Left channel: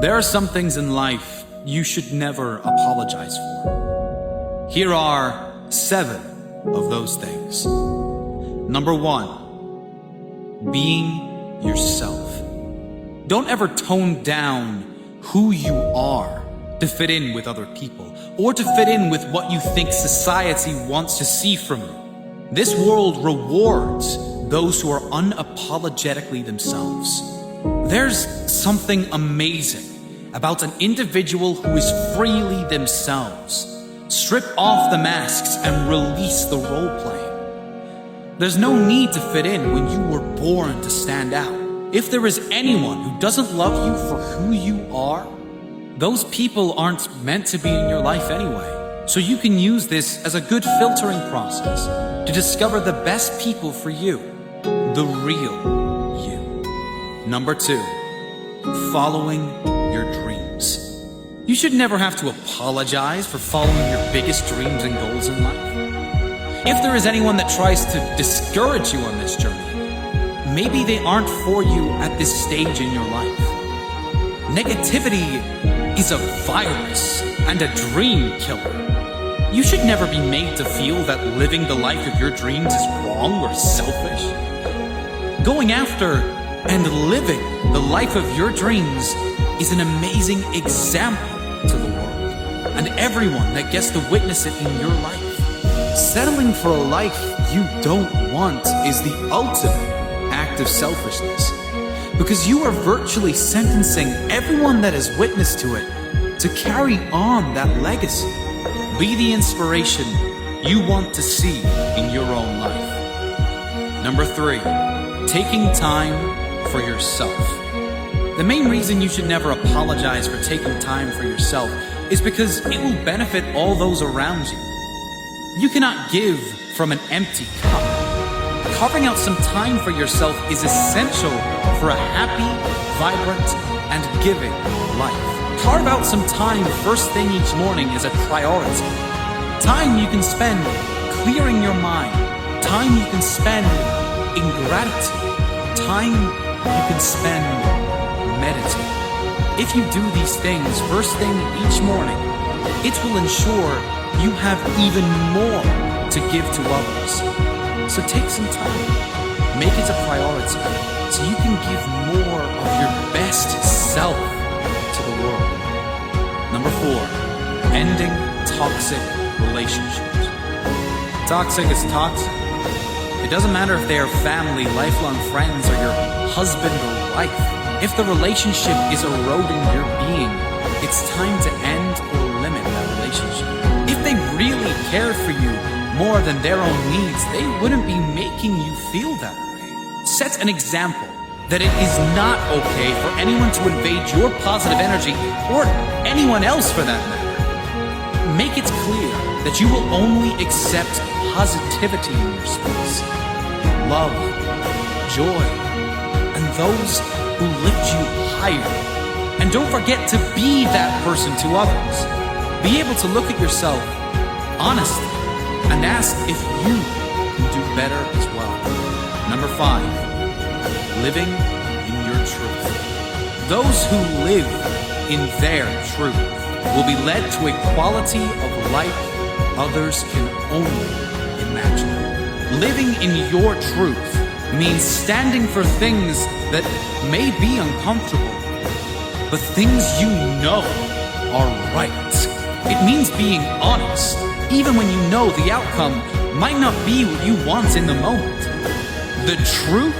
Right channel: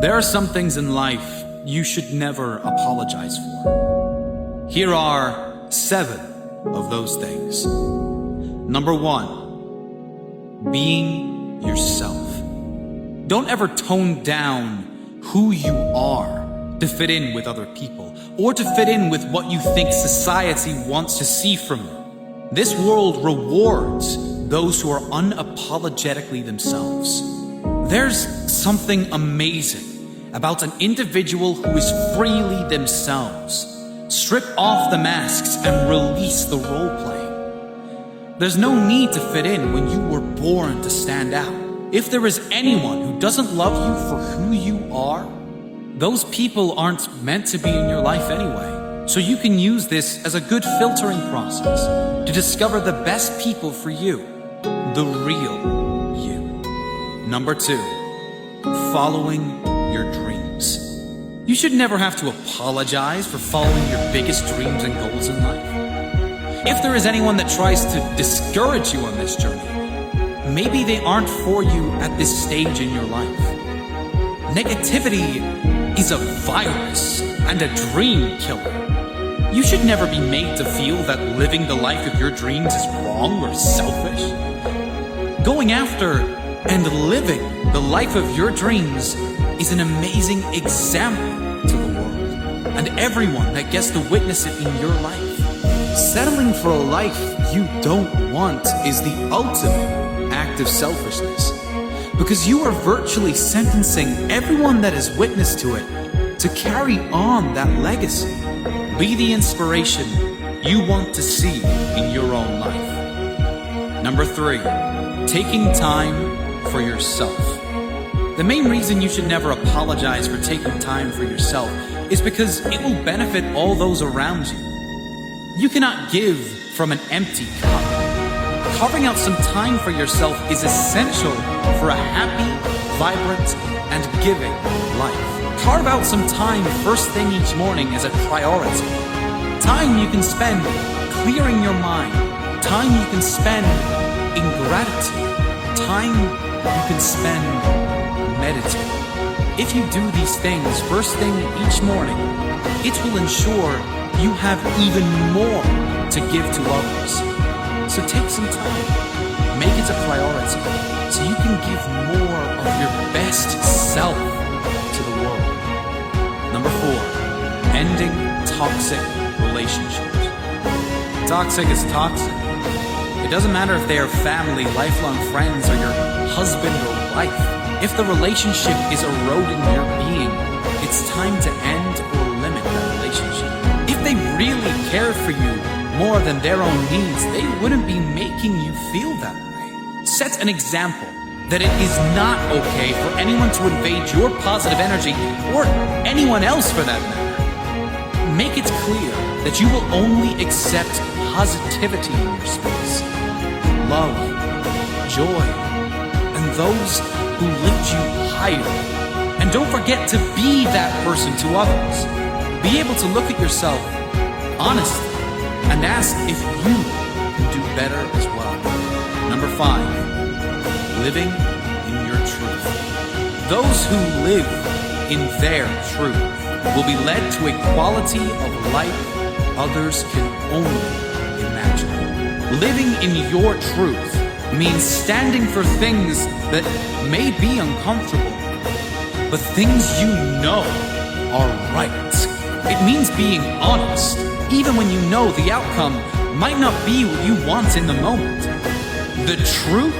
There are some things in life you should never apologize for. Here are 7 of those things. Number 1, being yourself. Don't ever tone down who you are to fit in with other people or to fit in with what you think society wants to see from you. This world rewards those who are unapologetically themselves. There's something amazing about an individual who is freely themselves. Strip off the masks and release the role-playing. There's no need to fit in when you were born to stand out. If there is anyone who doesn't love you for who you are, those people aren't meant to be in your life anyway. So you can use this as a good filtering process to discover the best people for you, the real you. Number 2, following your dreams. You should never have to apologize for following your biggest dreams and goals in life. If there is anyone that tries to discourage you on this journey, maybe they aren't for you at this stage in your life. Negativity is a virus and a dream killer. You should never be made to feel that living the life of your dreams is wrong or selfish. Going after and living the life of your dreams is an amazing example to the world and everyone that gets to witness it in your life. Settling for a life you don't want is the ultimate act of selfishness, because you are virtually sentencing everyone that has witnessed to it to carry on that legacy. Be the inspiration you want to see in your own life. Number 3, taking time for yourself. The main reason you should never apologize for taking time for yourself is because it will benefit all those around you. You cannot give from an empty cup. Carving out some time for yourself is essential for a happy, vibrant, and giving life. Carve out some time first thing each morning as a priority. Time you can spend clearing your mind. Time you can spend in gratitude. Time you can spend meditating. If you do these things first thing each morning, it will ensure you have even more to give to others. So take some time. Make it a priority so you can give more of your best self to the world. Number 4, ending toxic relationships. Toxic is toxic. It doesn't matter if they are family, lifelong friends, or your husband or wife. If the relationship is eroding your being, it's time to end or limit that relationship. If they really cared for you more than their own needs, they wouldn't be making you feel that way. Set an example that it is not okay for anyone to invade your positive energy, or anyone else for that matter. Make it clear that you will only accept positivity in your space, love, joy, and those who lift you higher. And don't forget to be that person to others. Be able to look at yourself honestly and ask if you can do better as well. Number 5, living in your truth. Those who live in their truth will be led to a quality of life others can only imagine. Living in your truth means standing for things that may be uncomfortable, but things you know are right. It means being honest, even when you know the outcome might not be what you want in the moment. The truth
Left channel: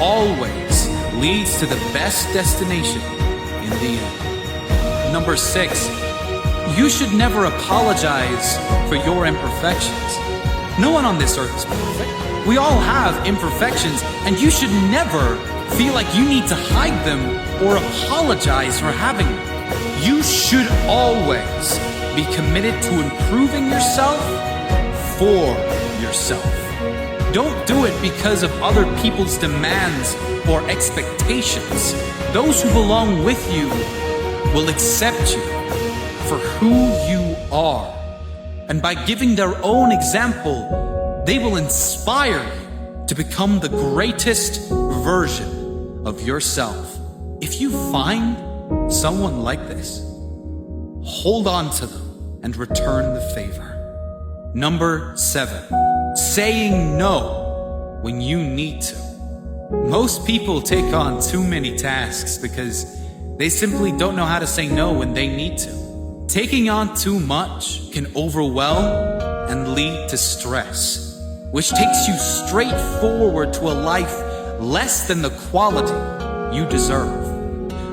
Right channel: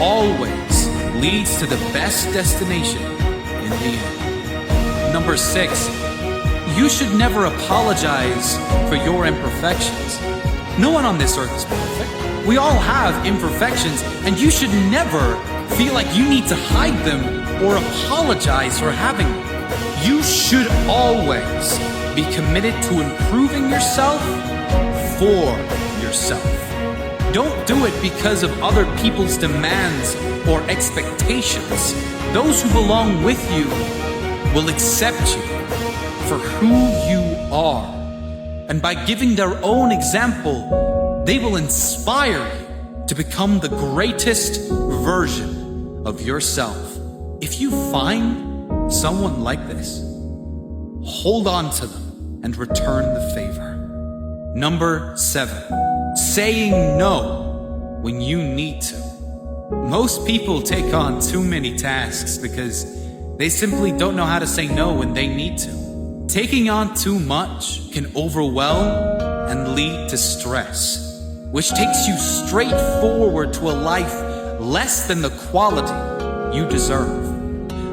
always leads to the best destination in the end. Number 6, you should never apologize for your imperfections. No one on this earth is perfect. We all have imperfections, and you should never feel like you need to hide them or apologize for having them. You should always be committed to improving yourself for yourself. Don't do it because of other people's demands or expectations. Those who belong with you will accept you for who you are. And by giving their own example, they will inspire you to become the greatest version of yourself. If you find someone like this, hold on to them and return the favor. Number 7, saying no when you need to. Most people take on too many tasks because they simply don't know how to say no when they need to. Taking on too much can overwhelm and lead to stress, which takes you straight forward to a life less than the quality you deserve.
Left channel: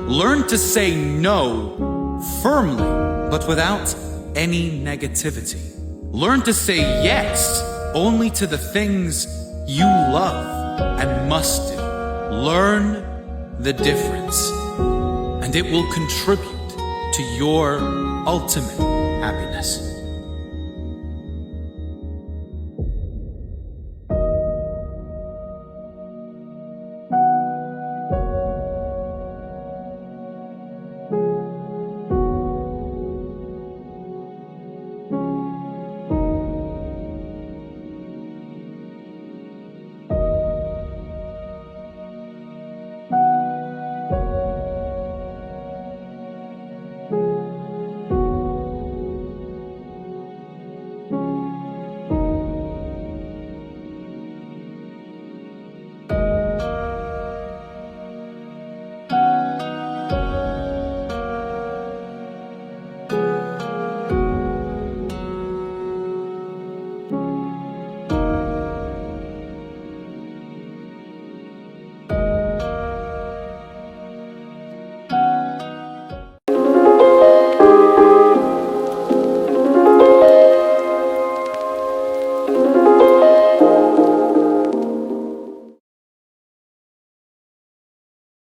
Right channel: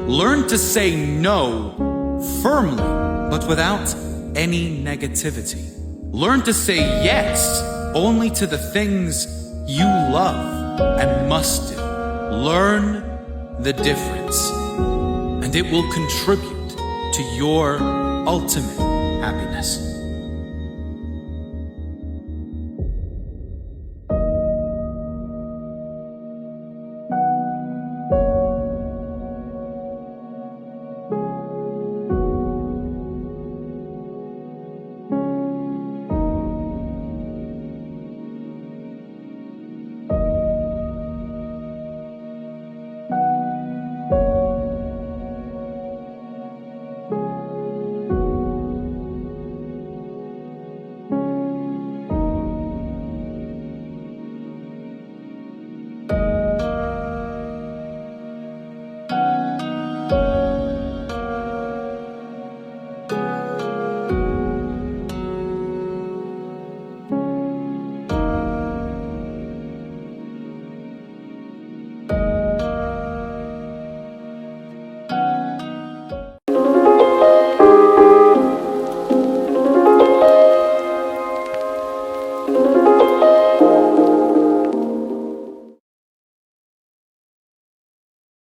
Learn to say no firmly, but without any negativity. Learn to say yes only to the things you love and must do. Learn the difference, and it will contribute to your ultimate happiness.